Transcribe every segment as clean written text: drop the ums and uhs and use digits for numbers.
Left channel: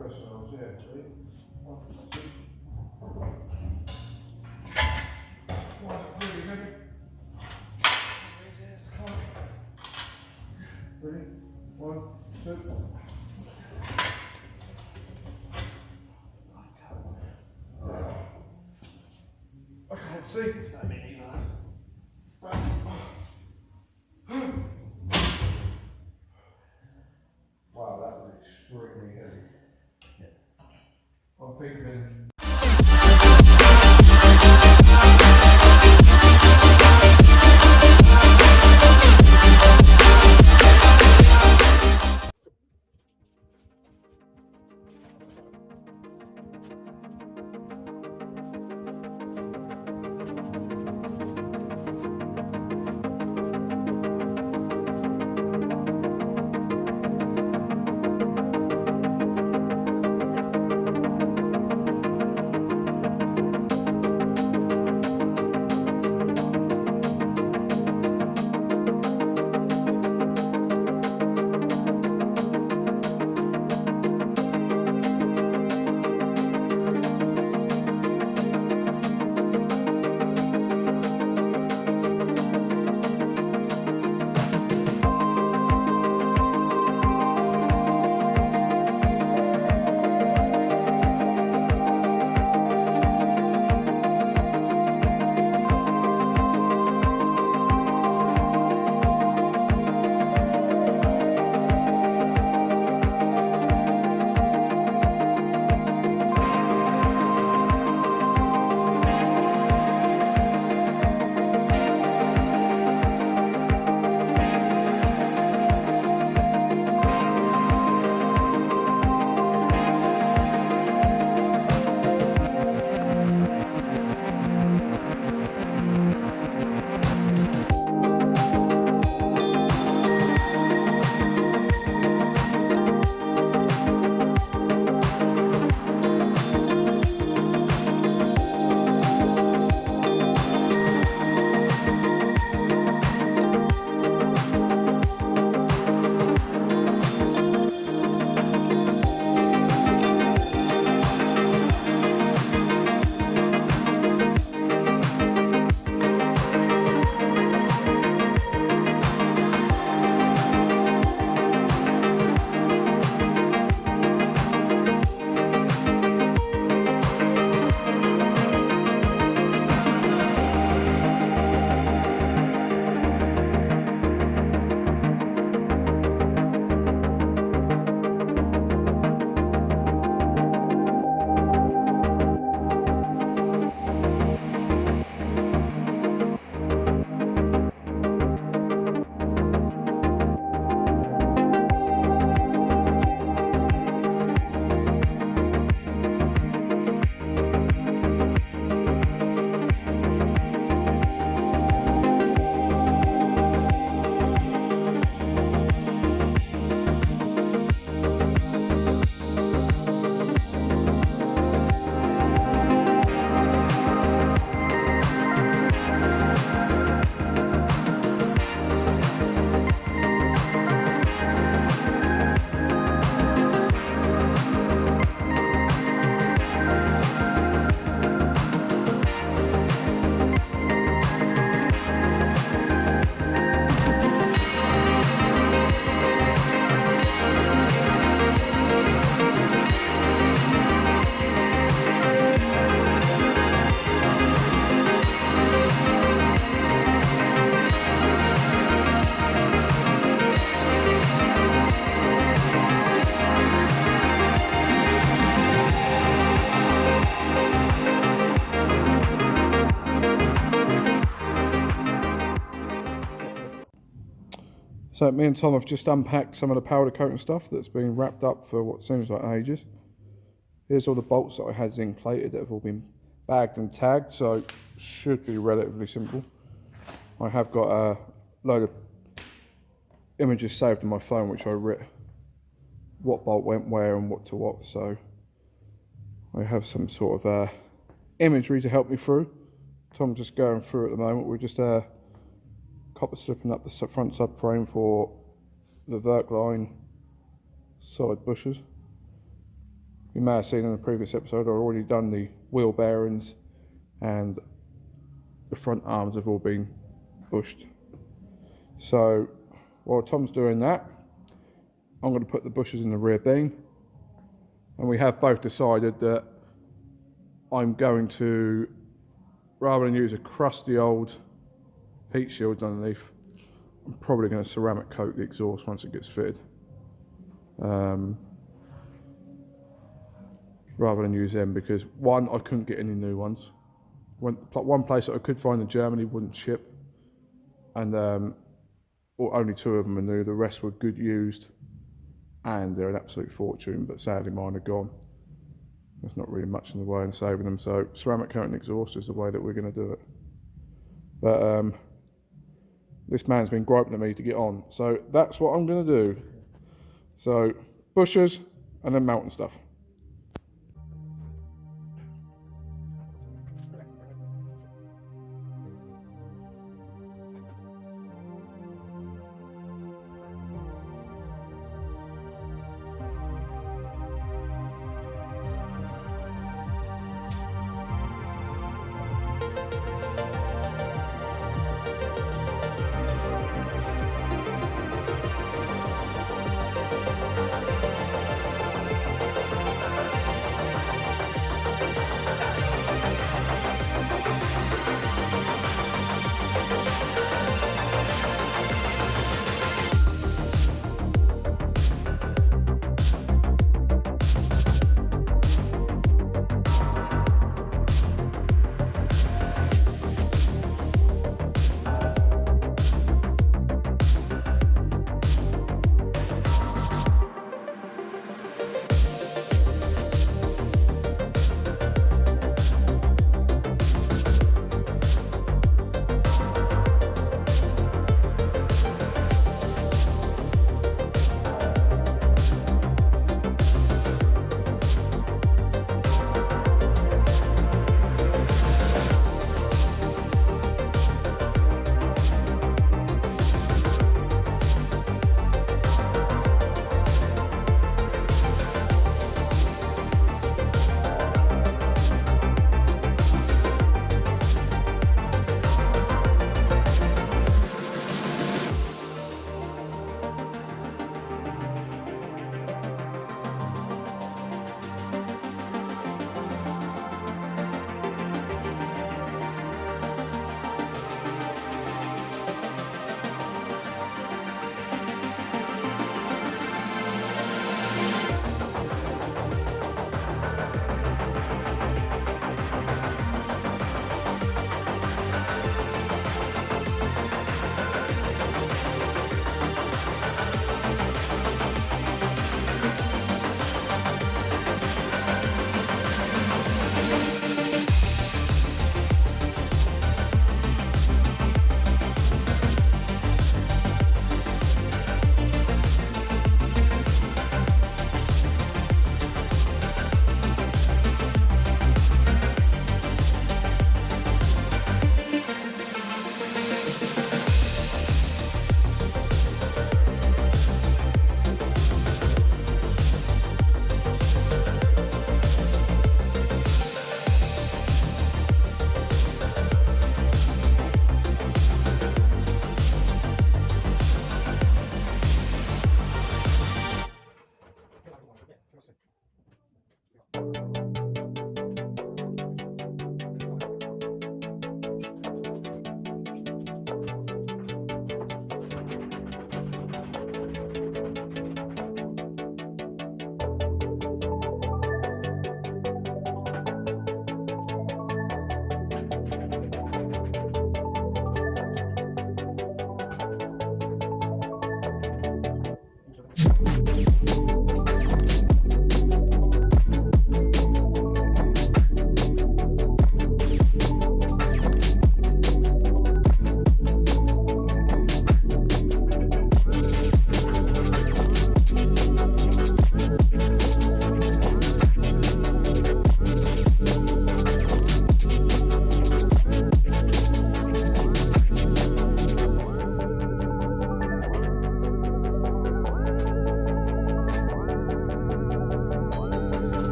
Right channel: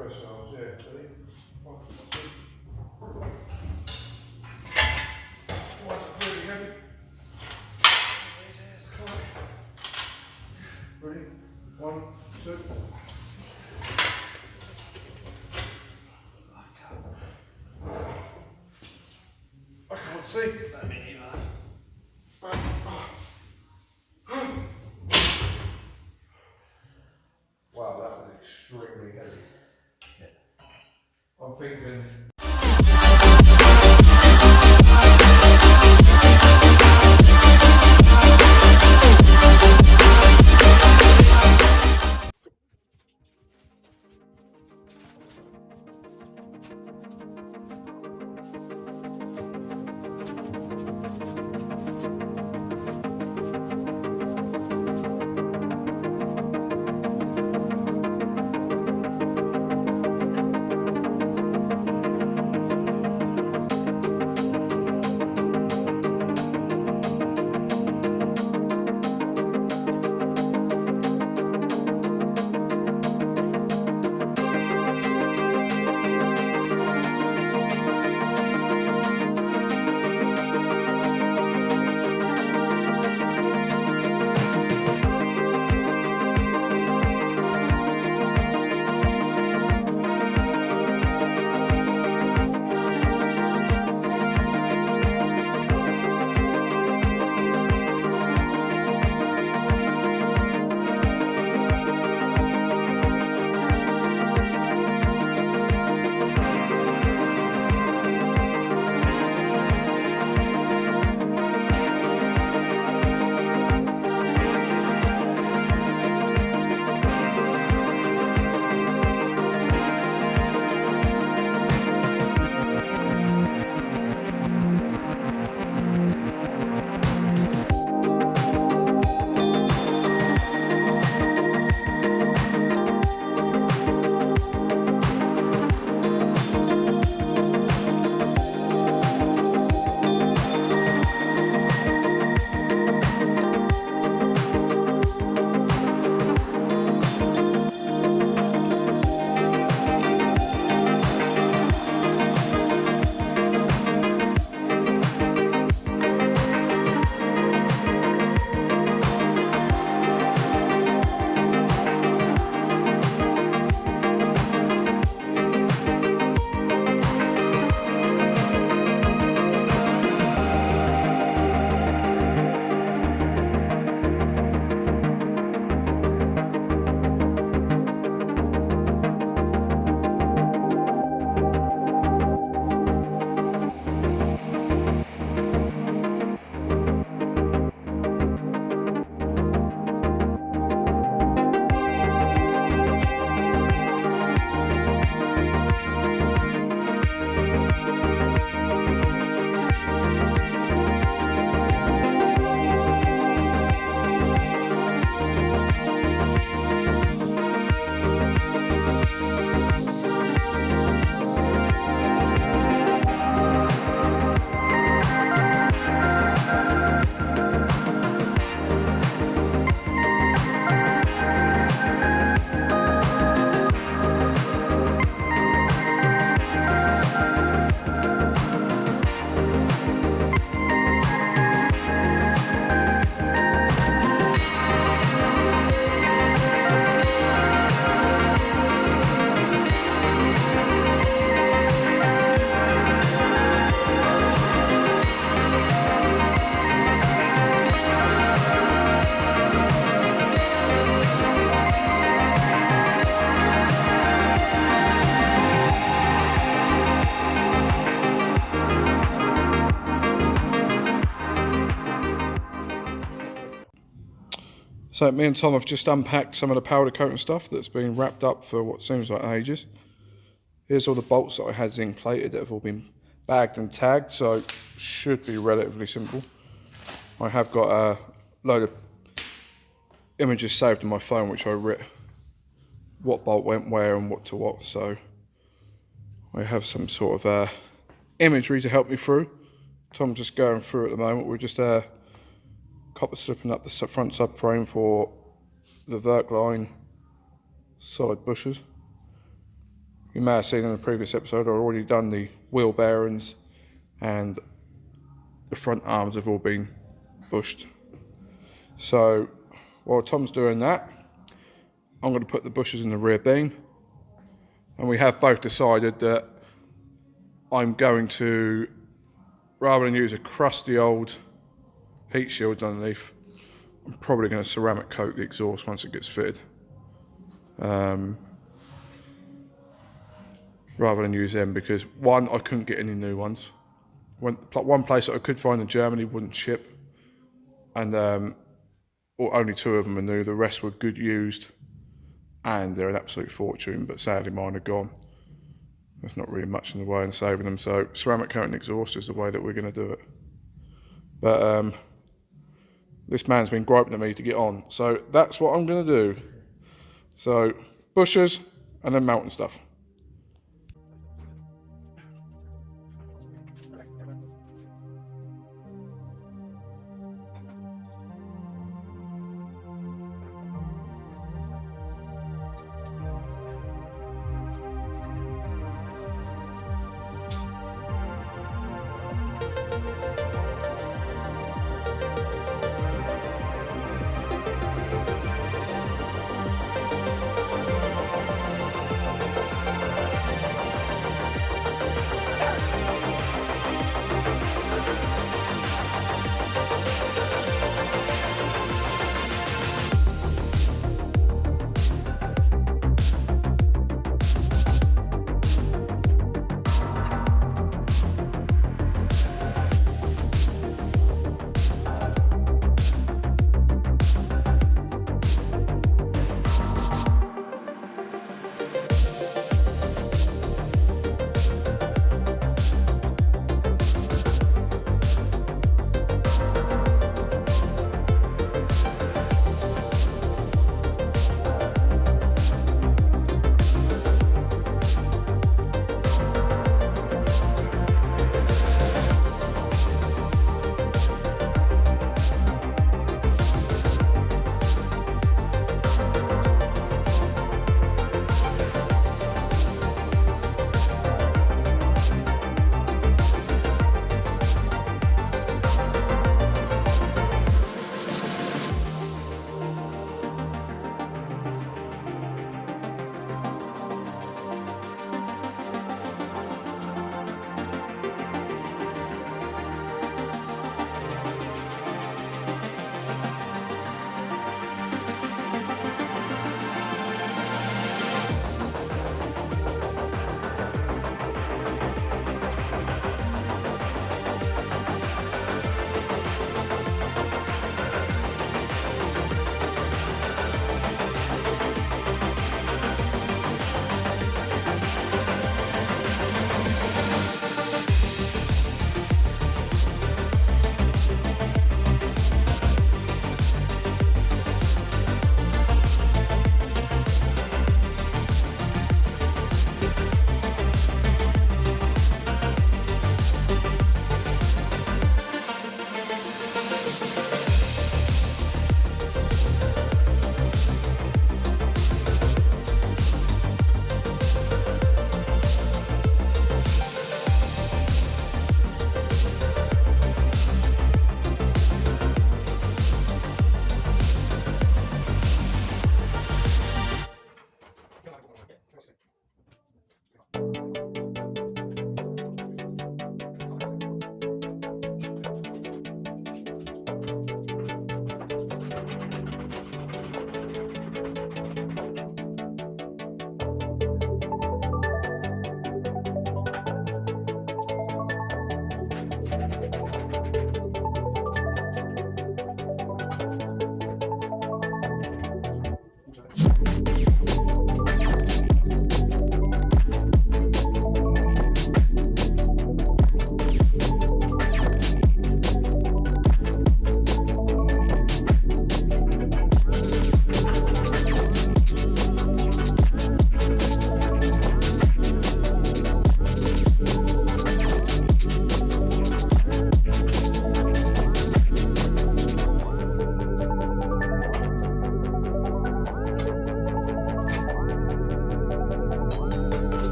press ours, yeah, see? One, two. Oh, it's really heavy. Ready? 1, 2. I can't see. That mean either. Wow, that was extremely heavy. Yeah. I'm thinking. So me and Tom have just unpacked some of the powder coat and stuff that's been wrapped up for what seems like ages. Here's all the bolts that I had zinc plated that have all been bagged and tagged, so should be relatively simple. I have got a load of images saved on my phone which I writ what bolt went where and what to what, so I have some sort of imagery to help me through. Tom's just going through at the moment. We're just copper slipping up the front subframe for the Verk line solid bushers. You may have seen in the previous episode, I've already done the wheel bearings and the front arms have all been bushed. So while Tom's doing that, I'm going to put the bushes in the rear beam, and we have both decided that I'm going to, rather than use a crusty old heat shield underneath, I'm probably going to ceramic coat the exhaust once it gets fitted, rather than use them, because one, I couldn't get any new ones. One place that I could find in Germany wouldn't ship, and or only 2 of them are new. The rest were good used, and they're an absolute fortune. But sadly, mine are gone. There's not really much in the way in saving them. So ceramic coating exhaust is the way that we're going to do it. But this man's been griping at me to get on, so that's what I'm going to do. So bushes and then mounting stuff.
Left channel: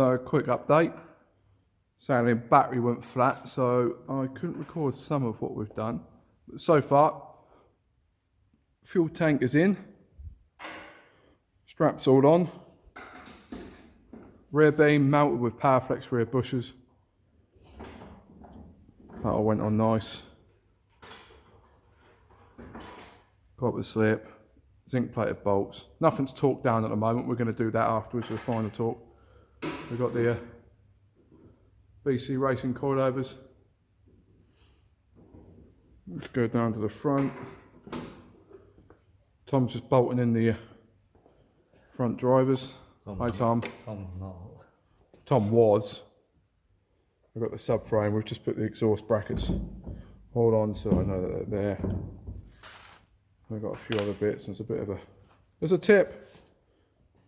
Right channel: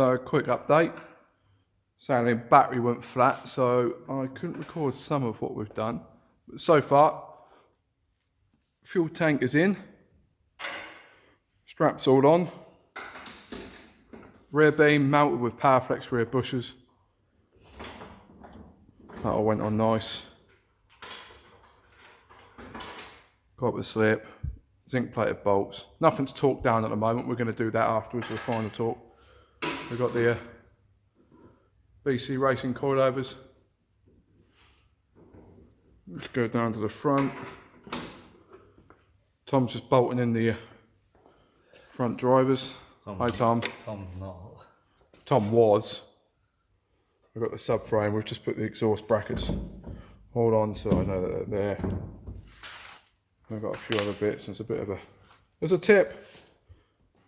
So quick update. Sadly, battery went flat, so I couldn't record some of what we've done. But so far, fuel tank is in, straps all on, rear beam mounted with Powerflex rear bushers. That all went on nice. Got the slip, zinc plated bolts. Nothing's torqued down at the moment. We're going to do that afterwards with the final torque. We've got the BC Racing coilovers. Let's go down to the front. Tom's just bolting in the front drivers. Hi Tom. Tom's not. Tom was. We've got the subframe. We've just put the exhaust brackets. Hold on so I know that they're there. I've got a few other bits. There's a bit of a... There's a tip.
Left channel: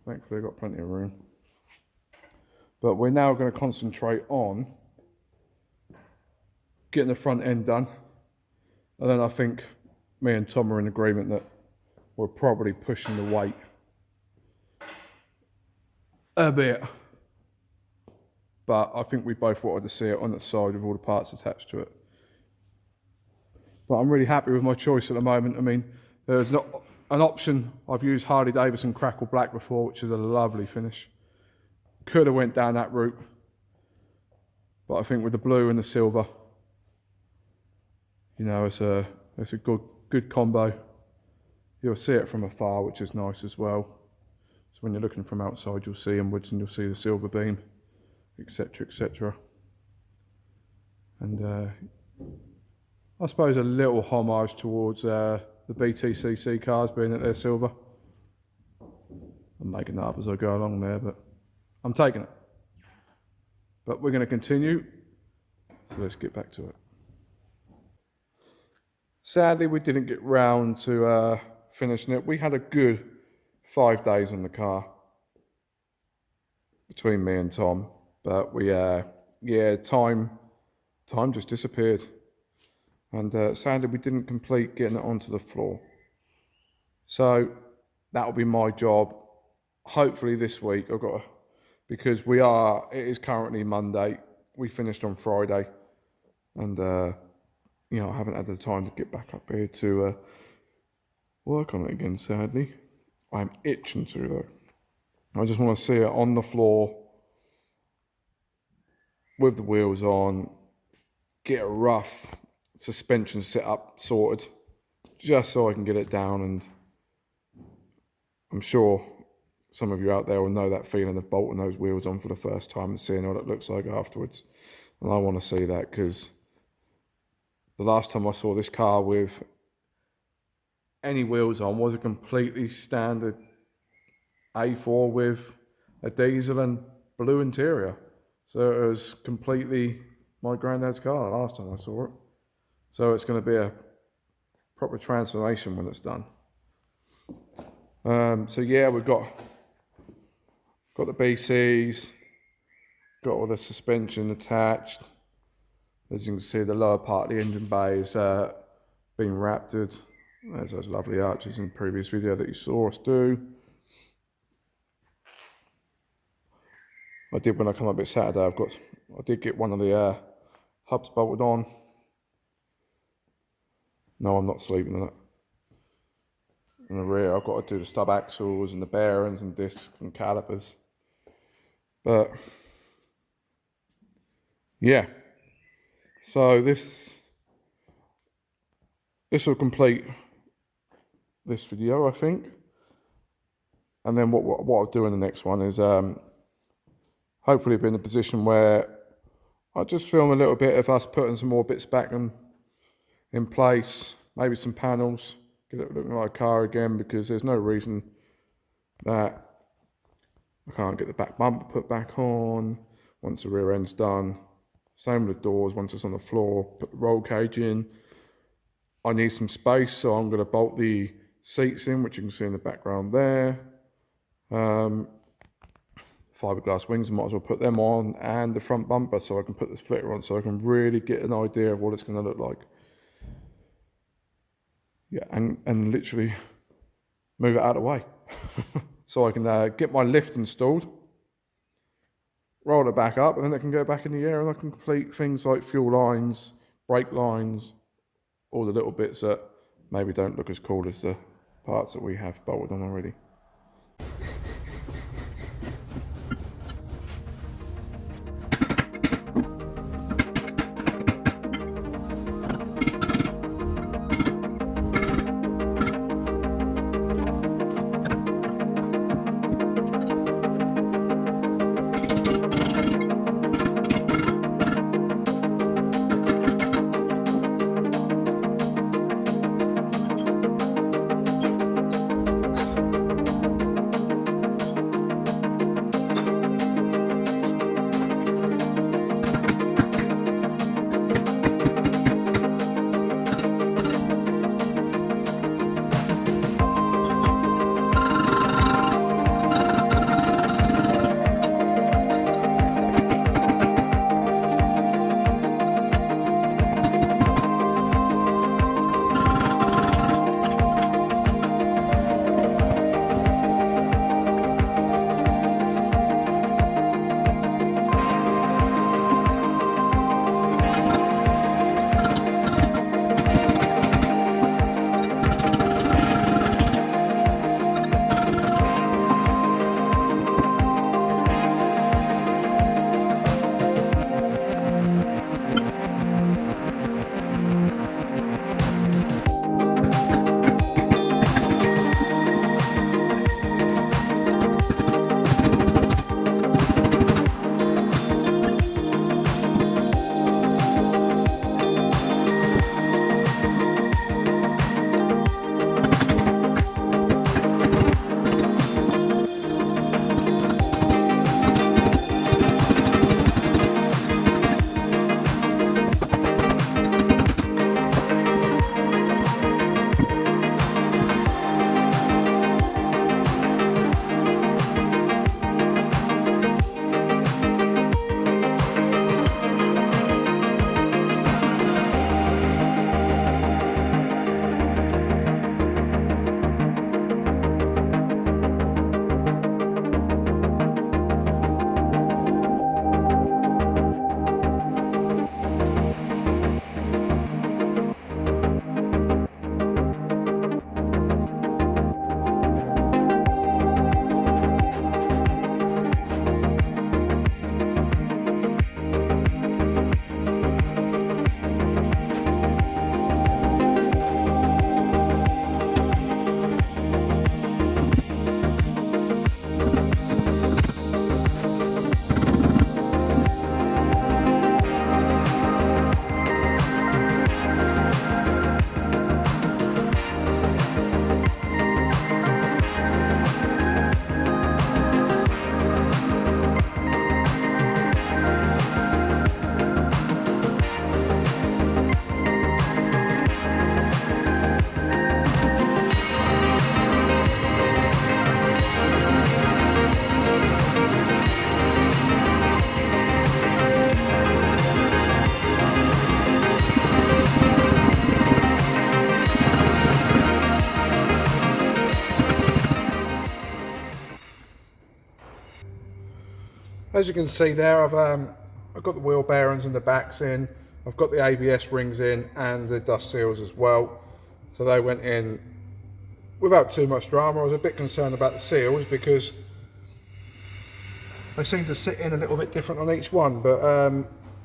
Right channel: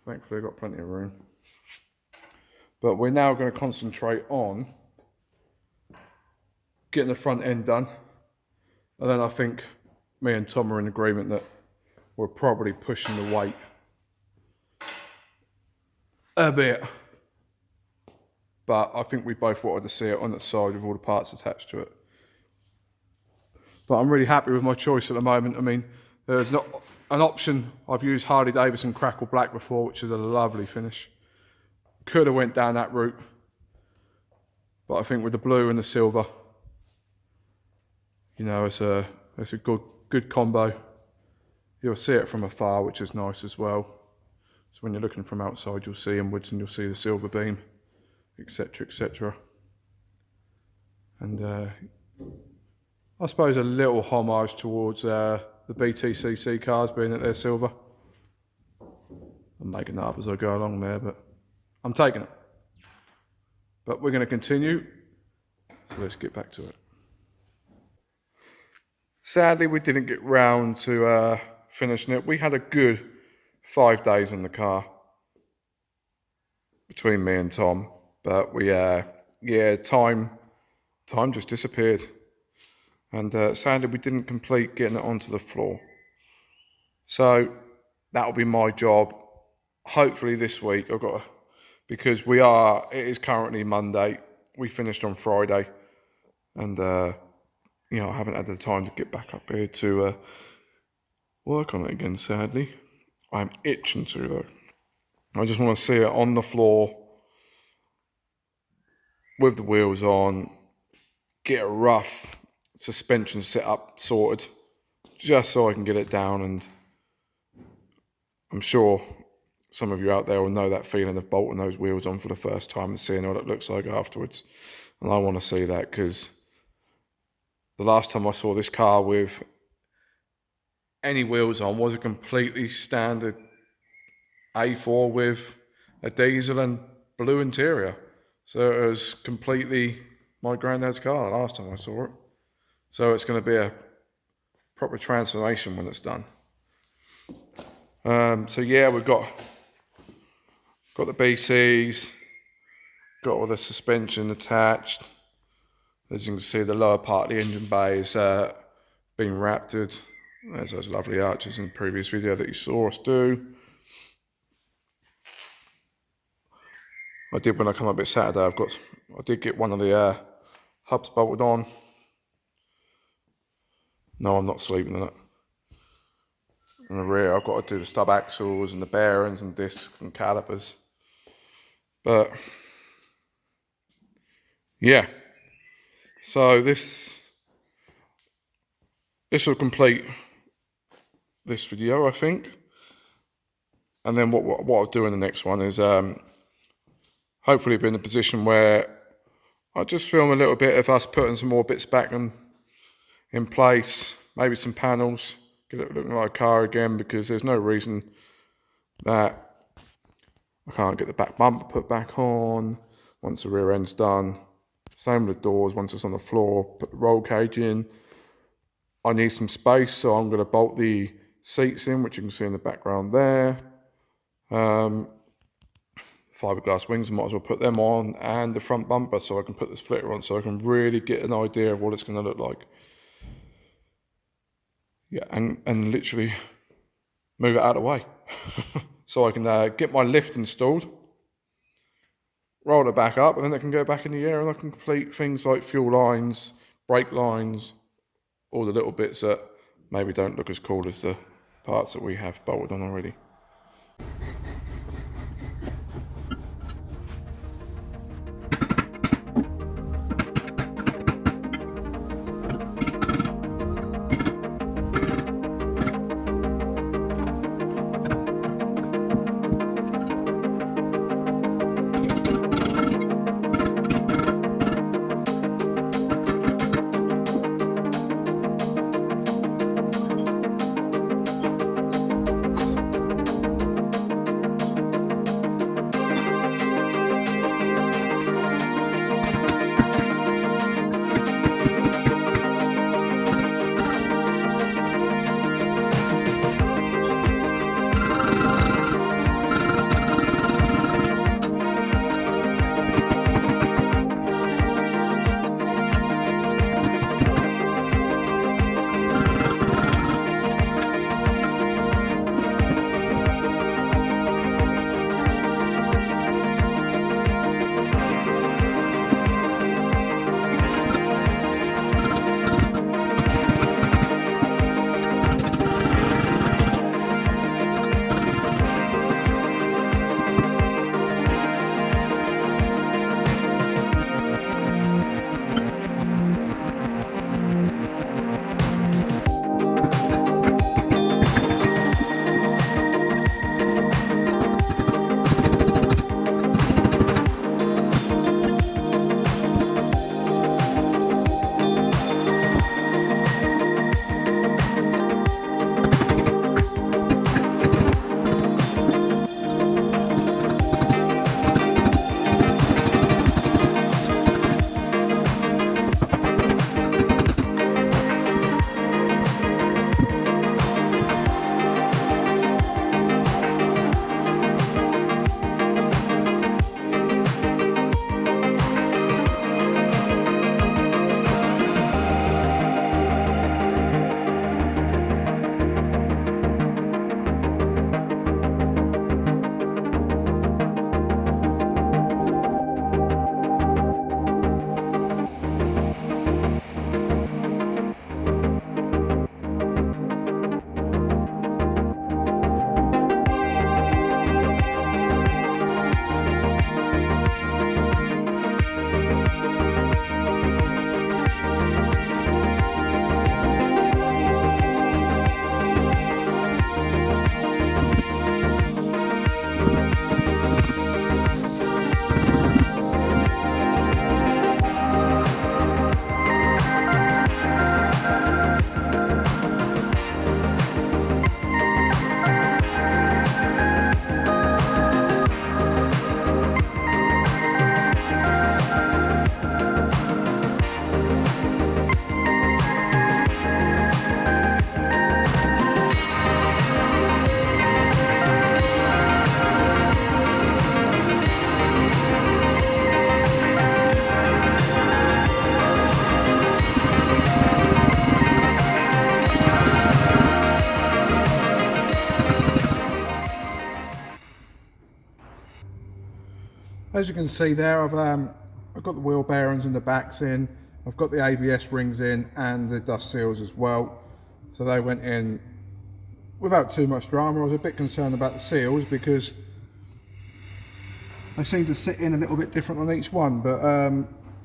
Thankfully I've got plenty of room. But we're now going to concentrate on getting the front end done. And then I think me and Tom are in agreement that we're probably pushing the weight a bit. But I think we both wanted to see it on the side with all the parts attached to it. But I'm really happy with my choice at the moment. I mean, there's not an option. I've used Harley Davidson Crackle Black before, which is a lovely finish. Could have went down that route, but I think with the blue and the silver, you know, it's a good combo. You'll see it from afar, which is nice as well. So when you're looking from outside, you'll see inwards and you'll see the silver beam, etc., etc. And I suppose a little homage towards the BTCC cars, being that they're silver. I'm making that up as I go along there, but I'm taking it. But we're going to continue, so let's get back to it. Sadly, we didn't get round to finishing it. We had a good 5 days on the car between me and Tom, but we, time just disappeared. And sadly, we didn't complete getting it onto the floor. So that'll be my job. Hopefully this week, because it is currently Monday. We finished on Friday, and you know, I haven't had the time to get back up here to work on it again, sadly. I'm itching to though. I just want to see it on the floor with the wheels on, get a rough suspension set up sorted, just so I can get it down. And I'm sure some of you out there will know that feeling of bolting those wheels on for the first time and seeing what it looks like afterwards. And I want to see that, because the last time I saw this car with any wheels on was a completely standard A4 with a diesel and blue interior. So it was completely my granddad's car the last time I saw it. So it's going to be a proper transformation when it's done. So yeah, we've got the BCs, got all the suspension attached. As you can see, the lower part of the engine bay is being raptored. There's those lovely arches in the previous video that you saw us do. I did, when I come up at Saturday, I did get one of the hubs bolted on. No, I'm not sleeping in it. In the rear, I've got to do the stub axles and the bearings and discs and calipers. But yeah, so this will complete this video, I think. And then what I'll do in the next one is hopefully be in a position where I'll just film a little bit of us putting some more bits back in place, maybe some panels, get it looking like a car again, because there's no reason that I can't get the back bumper put back on once the rear end's done. Same with the doors, once it's on the floor, put the roll cage in. I need some space, so I'm going to bolt the seats in, which you can see in the background there. Fiberglass wings, I might as well put them on, and the front bumper, so I can put the splitter on, so I can really get an idea of what it's going to look like. Yeah, and literally move it out of the way. So I can get my lift installed. roll it back up, and then it can go back in the air, and I can complete things like fuel lines, brake lines, all the little bits that maybe don't look as cool as the parts that we have bolted on already. As you can see there, I've got the wheel bearings and the backs in. I've got the ABS rings in and the dust seals as well. So they went in without too much drama. I was a bit concerned about the seals because they seem to sit in a little bit different on each one, but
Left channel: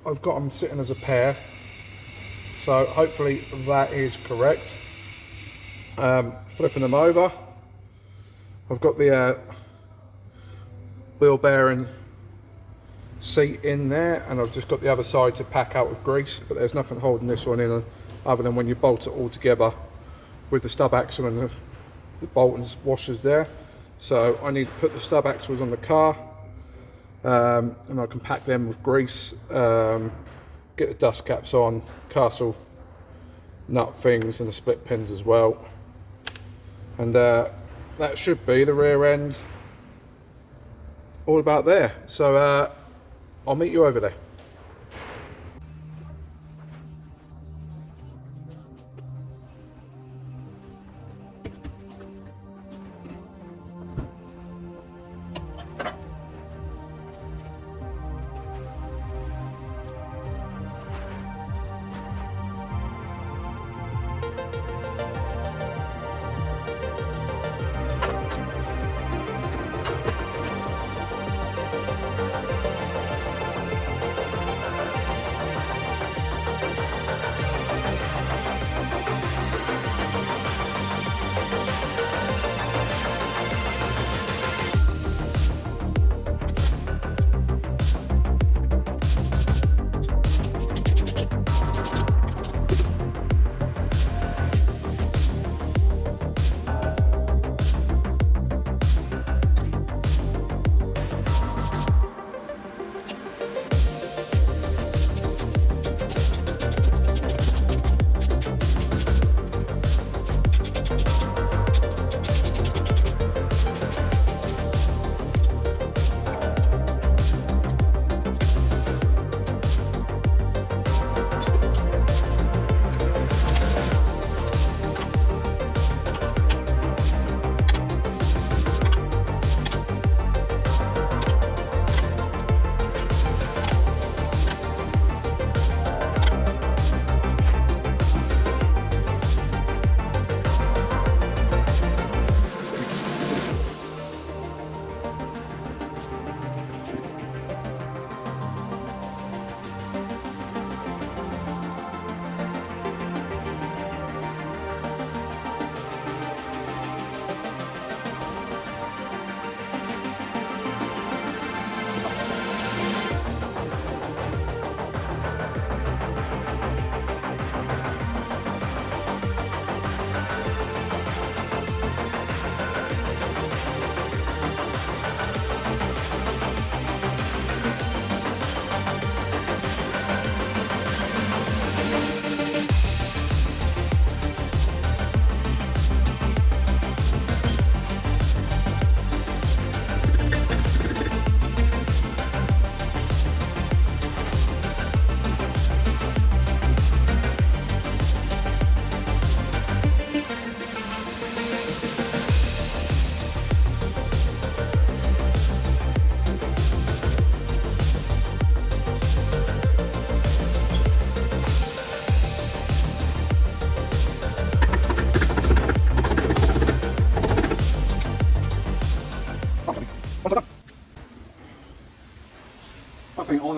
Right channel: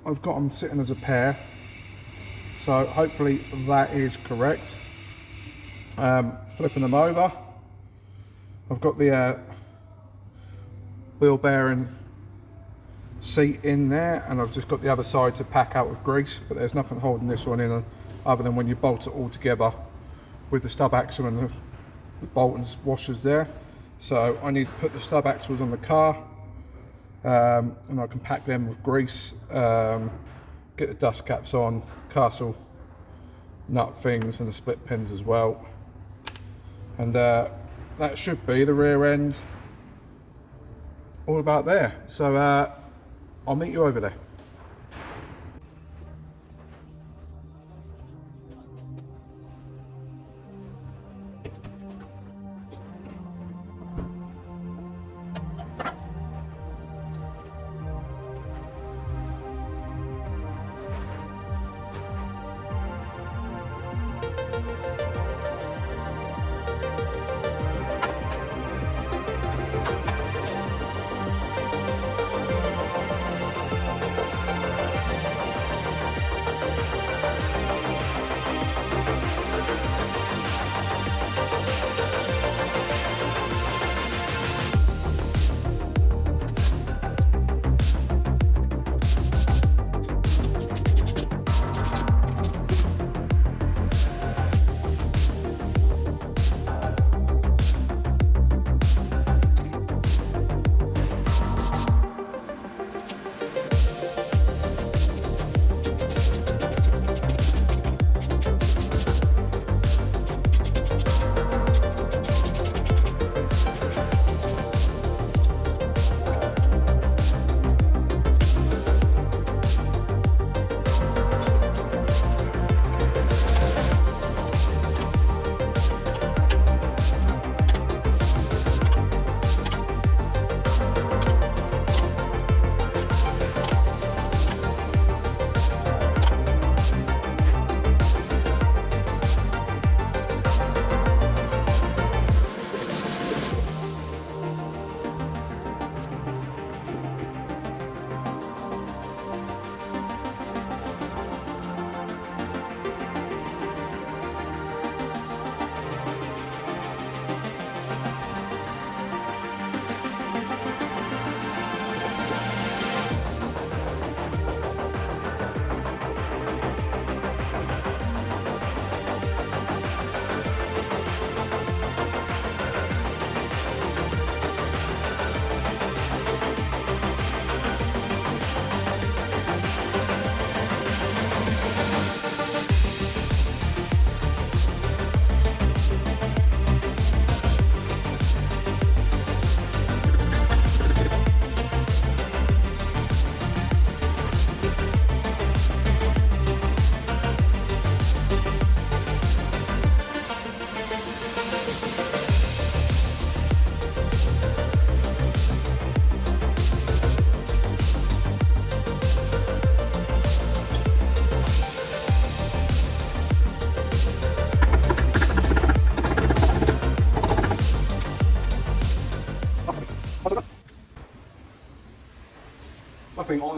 I've got them sitting as a pair. So hopefully that is correct. Flipping them over, I've got the wheel bearing seat in there, and I've just got the other side to pack out with grease, but there's nothing holding this one in other than when you bolt it all together with the stub axle and the bolt and washers there. So I need to put the stub axles on the car, and I can pack them with grease, get the dust caps on, castle nut things and the split pins as well, and that should be the rear end all about there. So I'll meet you over there.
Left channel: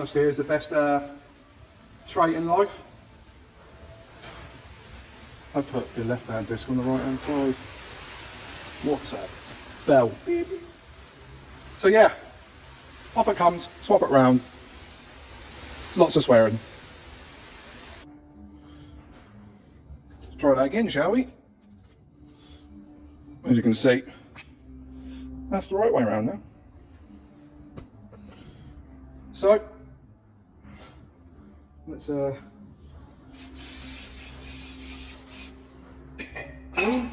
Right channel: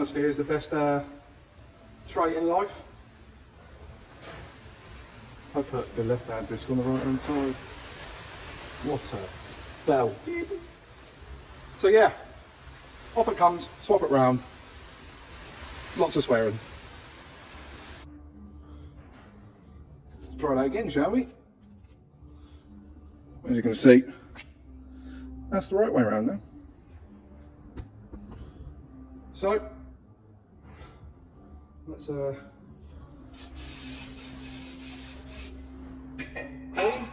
honesty is the best trait in life. I put the left-hand disc on the right-hand side. What a bell. So yeah, off it comes, swap it round. Lots of swearing. Let's try that again, shall we? As you can see, that's the right way around now. So, let's clean.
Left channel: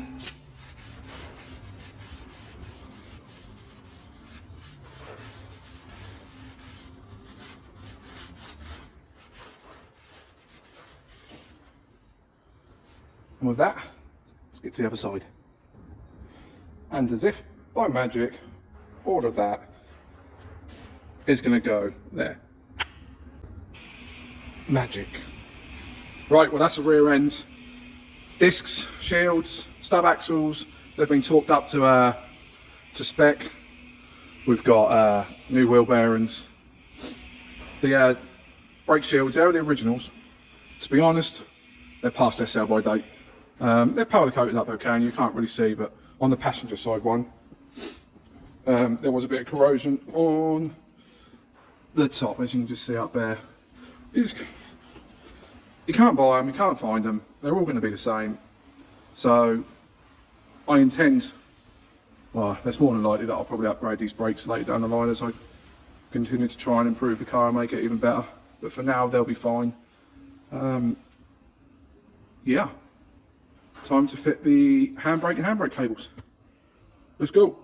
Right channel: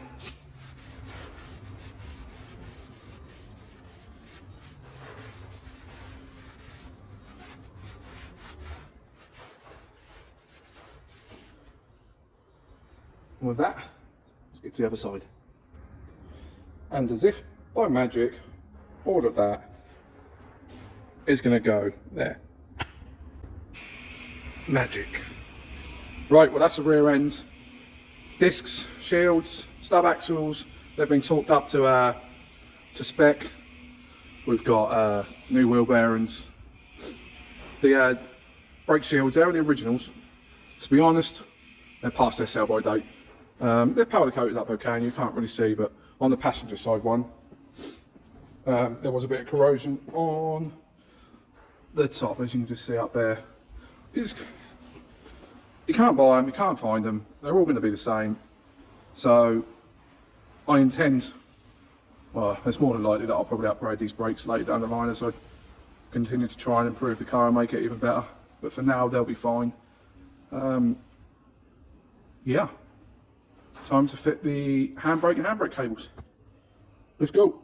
And with that, let's get to the other side. And as if by magic, all of that is going to go there. Magic. Right, well that's the rear end. Discs, shields, stub axles, they've been torqued up to spec. We've got new wheel bearings. The brake shields, they're the originals. To be honest, they're past their sell-by date. They're powder coated up okay, and you can't really see, but on the passenger side one, there was a bit of corrosion on the top, as you can just see up there. You can't buy them, you can't find them, they're all going to be the same. So I intend, well, it's more than likely that I'll probably upgrade these brakes later down the line as I continue to try and improve the car and make it even better. But for now, they'll be fine. Yeah, time to fit the handbrake and handbrake cables. Let's go.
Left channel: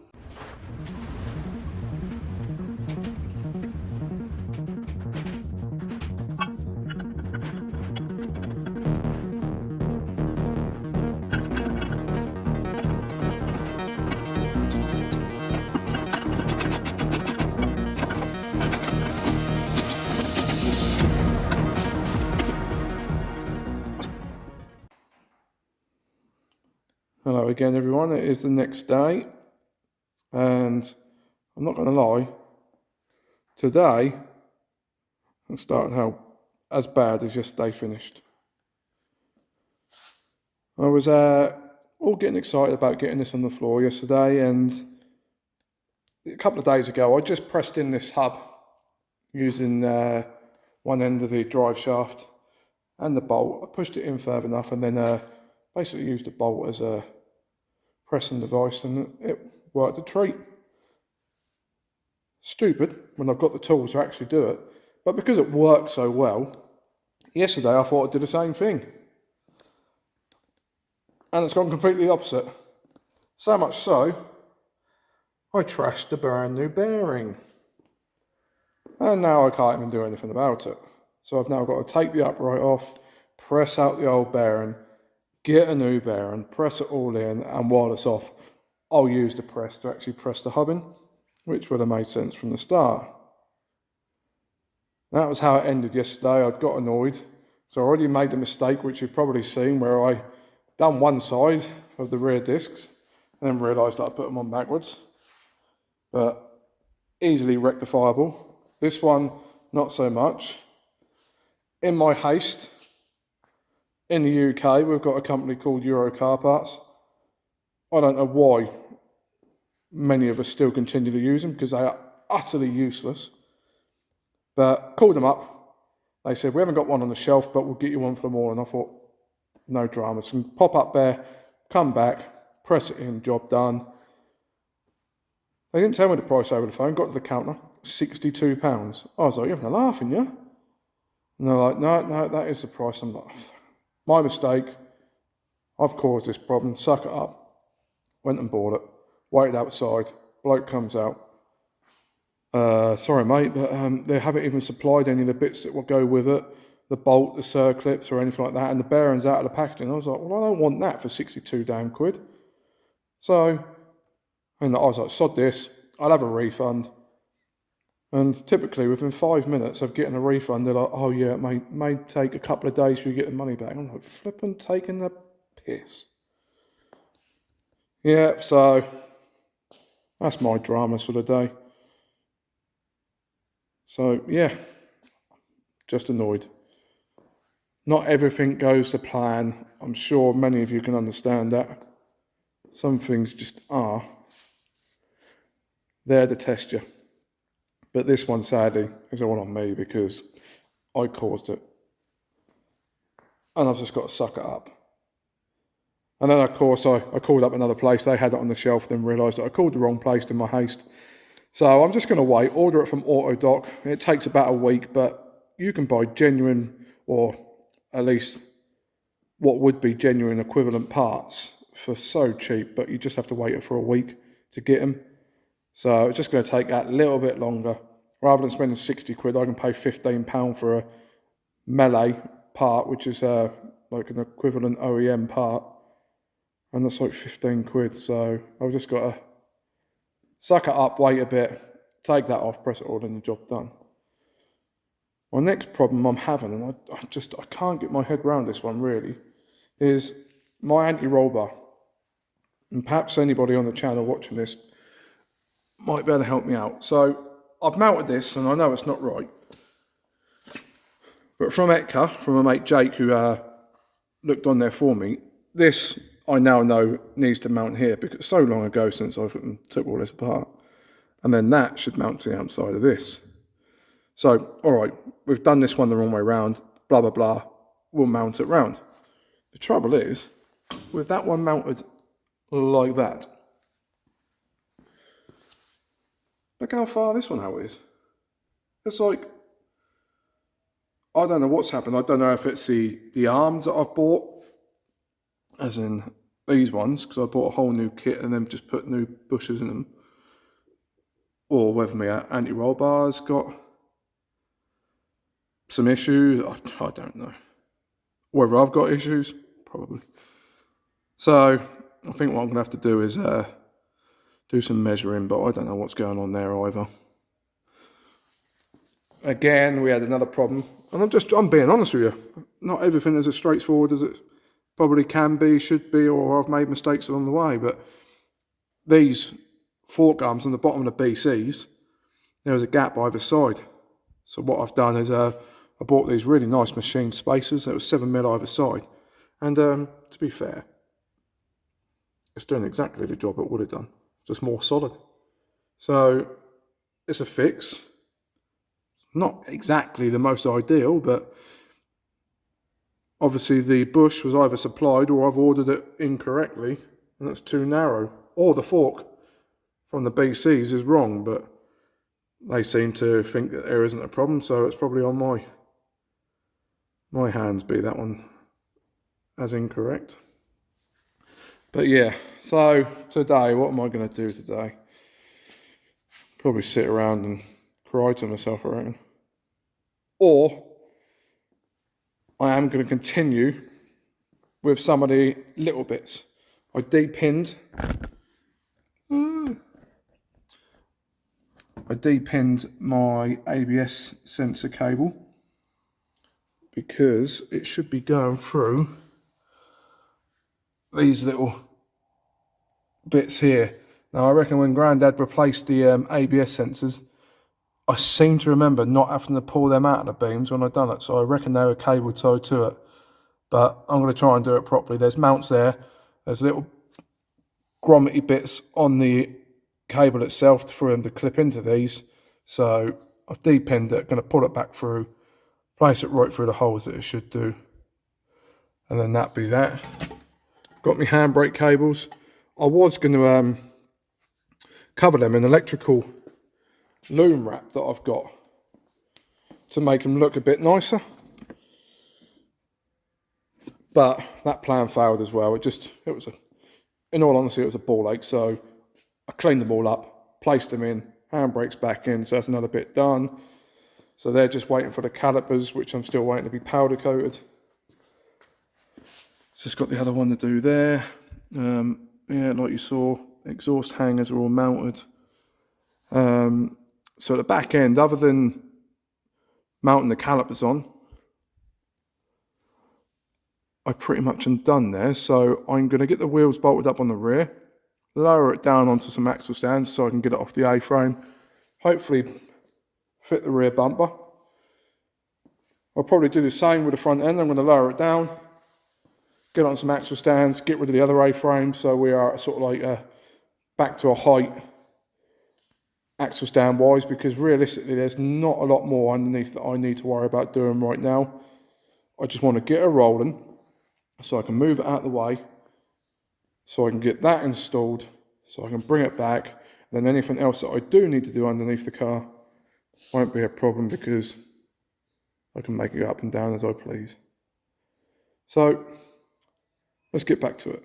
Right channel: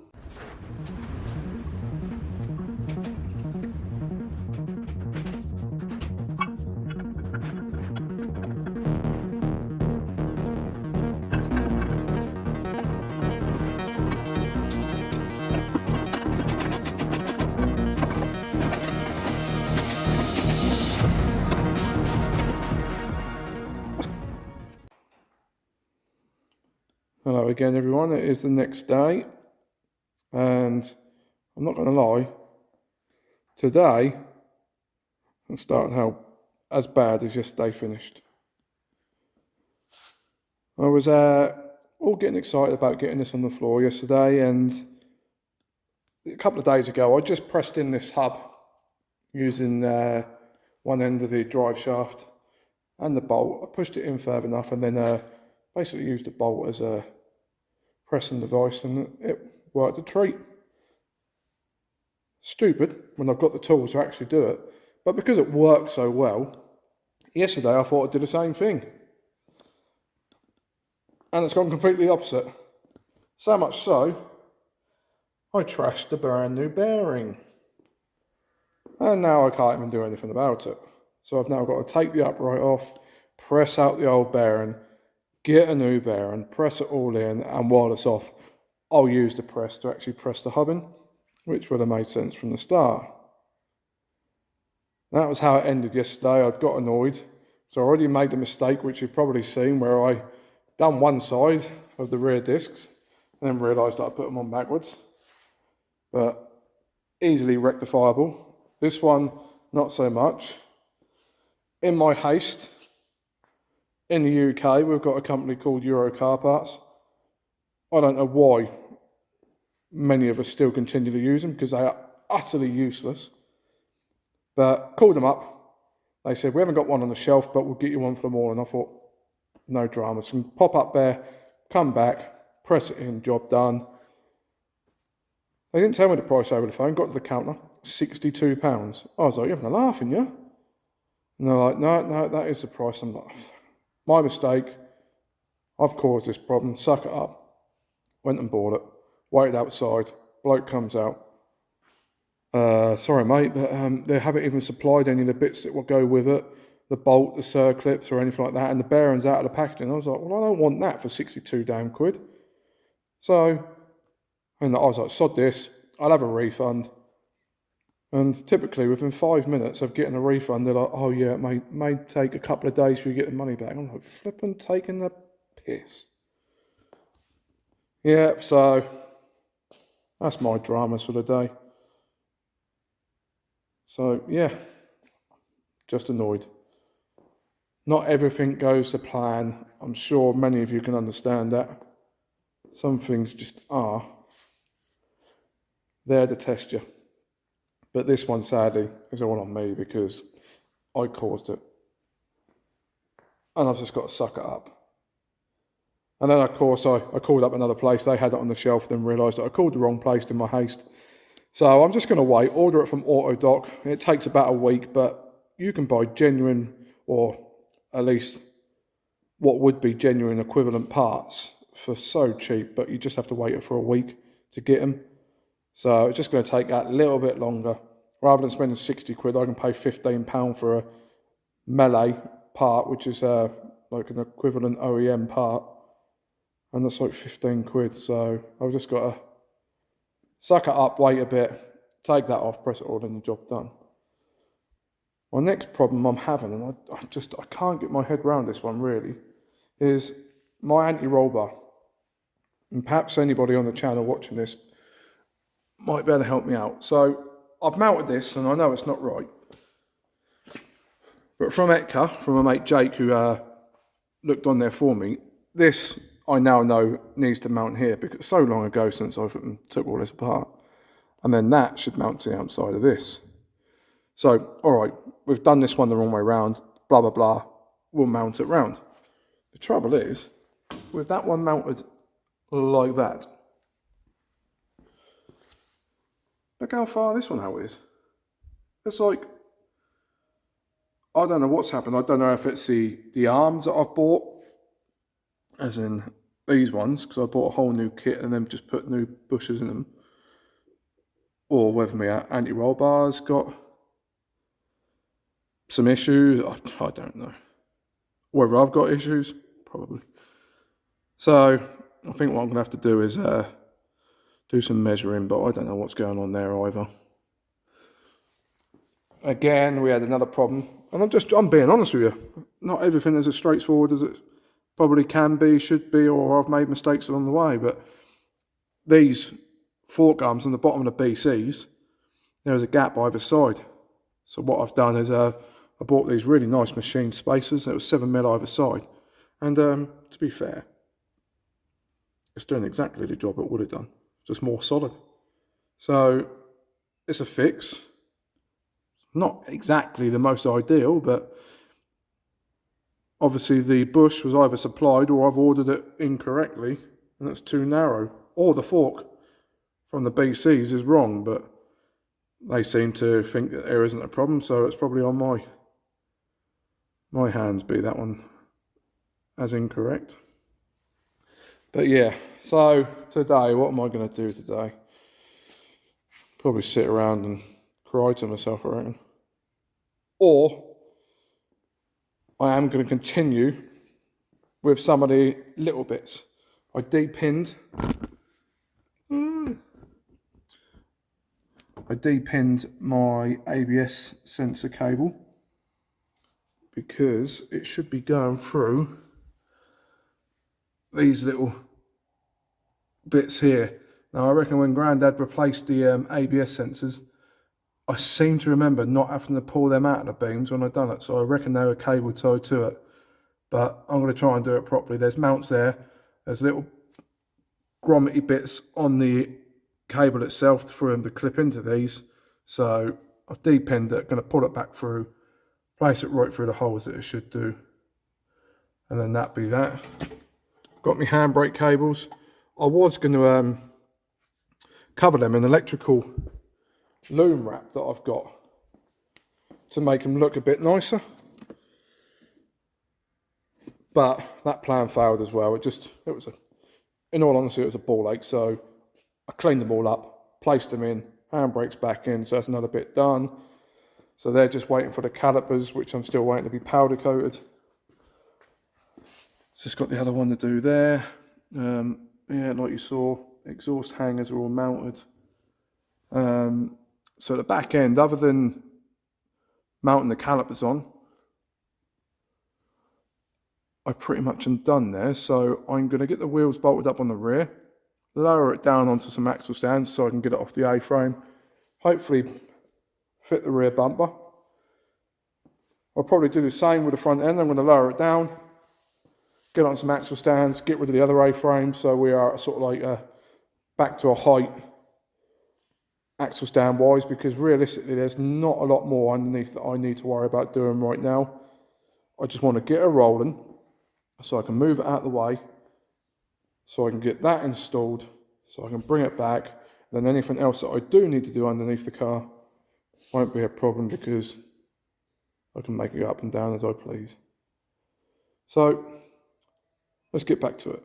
Hello again everyone, it is the next day and I'm not going to lie, today I'm starting out as bad as yesterday finished. I was all getting excited about getting this on the floor yesterday, and a couple of days ago I just pressed in this hub using one end of the drive shaft and the bolt. I pushed it in further enough and then basically used the bolt as a pressing device, and it worked a treat. Stupid when I've got the tools to actually do it, but because it worked so well, yesterday I thought I'd do the same thing. And it's gone completely opposite. So much so, I trashed the brand new bearing. And now I can't even do anything about it. So I've now got to take the upright off, press out the old bearing, get a new bearing, press it all in, and while it's off, I'll use the press to actually press the hub in, which would have made sense from the start. That was how it ended yesterday. I'd got annoyed. So I already made the mistake, which you've probably seen, where I done one side of the rear discs and then realised that I put them on backwards. But easily rectifiable. This one, not so much. In my haste, in the UK, we've got a company called Euro Car Parts. I don't know why many of us still continue to use them, because they are utterly useless. But called them up. They said, we haven't got one on the shelf, but we'll get you one for the morning. I thought, no dramas. Can pop up there, come back, press it in, job done. They didn't tell me the price over the phone. Got to the counter, £62. I was like, you're having a laugh, aren't you? And they're like, no, that is the price. I'm like, my mistake. I've caused this problem. Suck it up. Went and bought it. Waited outside. Bloke comes out. Sorry, mate, but they haven't even supplied any of the bits that will go with it. The bolt, the circlips, or anything like that. And the bearing's out of the packaging. I was like, well, I don't want that for 62 damn quid. So, and I was like, sod this. I'll have a refund. And typically within 5 minutes of getting a refund, they're like, oh yeah, it may take a couple of days for you to get the money back. I'm like, flipping taking the piss. Yeah, so that's my dramas for the day. So yeah, Just annoyed. Not everything goes to plan. I'm sure many of you can understand that. Some things just are there to test you. But this one, sadly, is all on me because I caused it. And I've just got to suck it up. And then, of course, I called up another place. They had it on the shelf, then realised that I called the wrong place in my haste. So I'm just going to wait, order it from AutoDoc. It takes about a week, but you can buy genuine, or at least what would be genuine equivalent parts for so cheap, but you just have to wait for a week to get them. So it's just going to take that little bit longer. Rather than spending 60 quid, I can pay £15 for a melee part, which is like an equivalent OEM part. And that's like 15 quid. So I've just got to suck it up, wait a bit, take that off, press it all, and the job done. My next problem I'm having, and I can't get my head around this one really, is my anti-roll bar. And perhaps anybody on the channel watching this might be able to help me out. So I've mounted this, and I know it's not right. But from Etka, from my mate Jake, who looked on there for me, this I now know needs to mount here because it's so long ago since I took all this apart. And then that should mount to the outside of this. So, all right, we've done this one the wrong way round, blah, blah, blah. We'll mount it round. The trouble is, with that one mounted like that, look how far this one out is. It's like, I don't know what's happened. I don't know if it's the arms that I've bought, as in these ones, because I bought a whole new kit and then just put new bushers in them, or whether my anti-roll bar's got some issues. I don't know. Whether I've got issues, probably. So I think what I'm going to have to do is do some measuring, but I don't know what's going on there either. Again, we had another problem, and I'm being honest with you. Not everything is as straightforward as it probably can be, should be, or I've made mistakes along the way. But these fork arms on the bottom of the BCs, there was a gap either side. So what I've done is I bought these really nice machine spacers. There was 7mm either side, and to be fair, it's doing exactly the job it would have done, just more solid. So it's a fix. Not exactly the most ideal, but obviously the bush was either supplied or I've ordered it incorrectly and it's too narrow, or the fork from the BCs is wrong, but they seem to think that there isn't a problem, so it's probably on my hands, be that one as incorrect. But yeah, so today, what am I going to do today? Probably sit around and cry to myself, I reckon. Or I am going to continue with some of the little bits. I depinned my ABS sensor cable because it should be going through these little bits here. Now I reckon when Grandad replaced the ABS sensors, I seem to remember not having to pull them out of the beams when I'd done it, so I reckon they were cable tied to it. But I'm going to try and do it properly. There's mounts there, there's little grommety bits on the cable itself for them to clip into these. So I've depinned it, going to pull it back through, place it right through the holes that it should do, and then that be that. Got my handbrake cables. I was going to cover them in electrical loom wrap that I've got to make them look a bit nicer, but that plan failed as well. In all honesty, it was a ball ache. So I cleaned them all up, placed them in, handbrakes back in, so that's another bit done. So they're just waiting for the calipers, which I'm still waiting to be powder coated. Just got the other one to do there. Yeah, like you saw, exhaust hangers are all mounted. So at the back end, other than mounting the calipers on, I pretty much am done there. So I'm going to get the wheels bolted up on the rear, lower it down onto some axle stands so I can get it off the A-frame, hopefully fit the rear bumper. I'll probably do the same with the front end. I'm going to lower it down, get on some axle stands, get rid of the other A-frame, so we are sort of like back to a height axle stand wise, because realistically there's not a lot more underneath that I need to worry about doing right now. I just want to get it rolling so I can move it out of the way, so I can get that installed, so I can bring it back. Then anything else that I do need to do underneath the car won't be a problem, because I can make it go up and down as I please. So let's get back to it.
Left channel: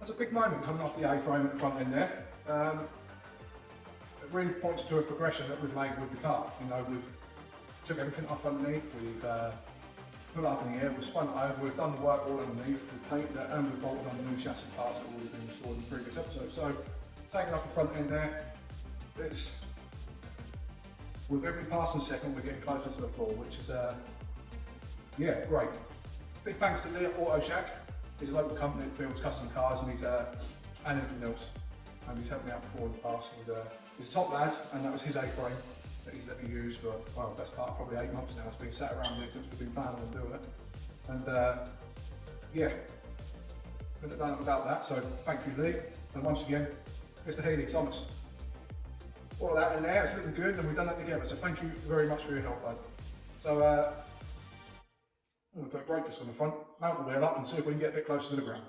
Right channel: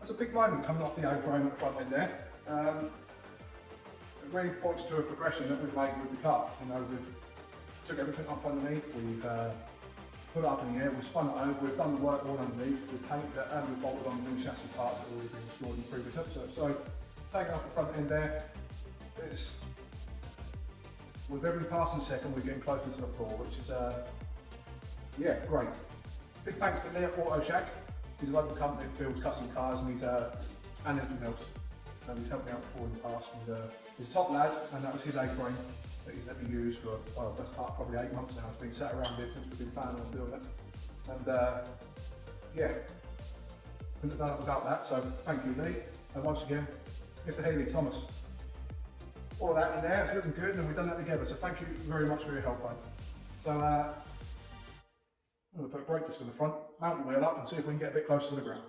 That's a big moment coming off the A-frame at the front end there. It really points to a progression that we've made with the car. You know, we've took everything off underneath, we've put it up in the air, we've spun it over, we've done the work all underneath, we've painted it, and we've bolted on the new chassis parts that have already been installed in the previous episode. So, taking off the front end there, it's, with every passing second we're getting closer to the floor, which is, yeah, great. Big thanks to Lee at Auto Shack. He's a local company that builds custom cars, and he's and everything else. And he's helped me out before in the past. He's a top lad, and that was his A-frame that he's let me use for, well, best part probably 8 months now. It's been sat around here since we've been planning on doing it. And yeah, couldn't have done it without that. So thank you, Lee. And once again, Mr. Healy Thomas. All of that in there, it's looking good, and we've done that together. So thank you very much for your help, bud. So I'm going to put a brake disc on the front, mount the wheel up, and see if we can get a bit closer to the ground.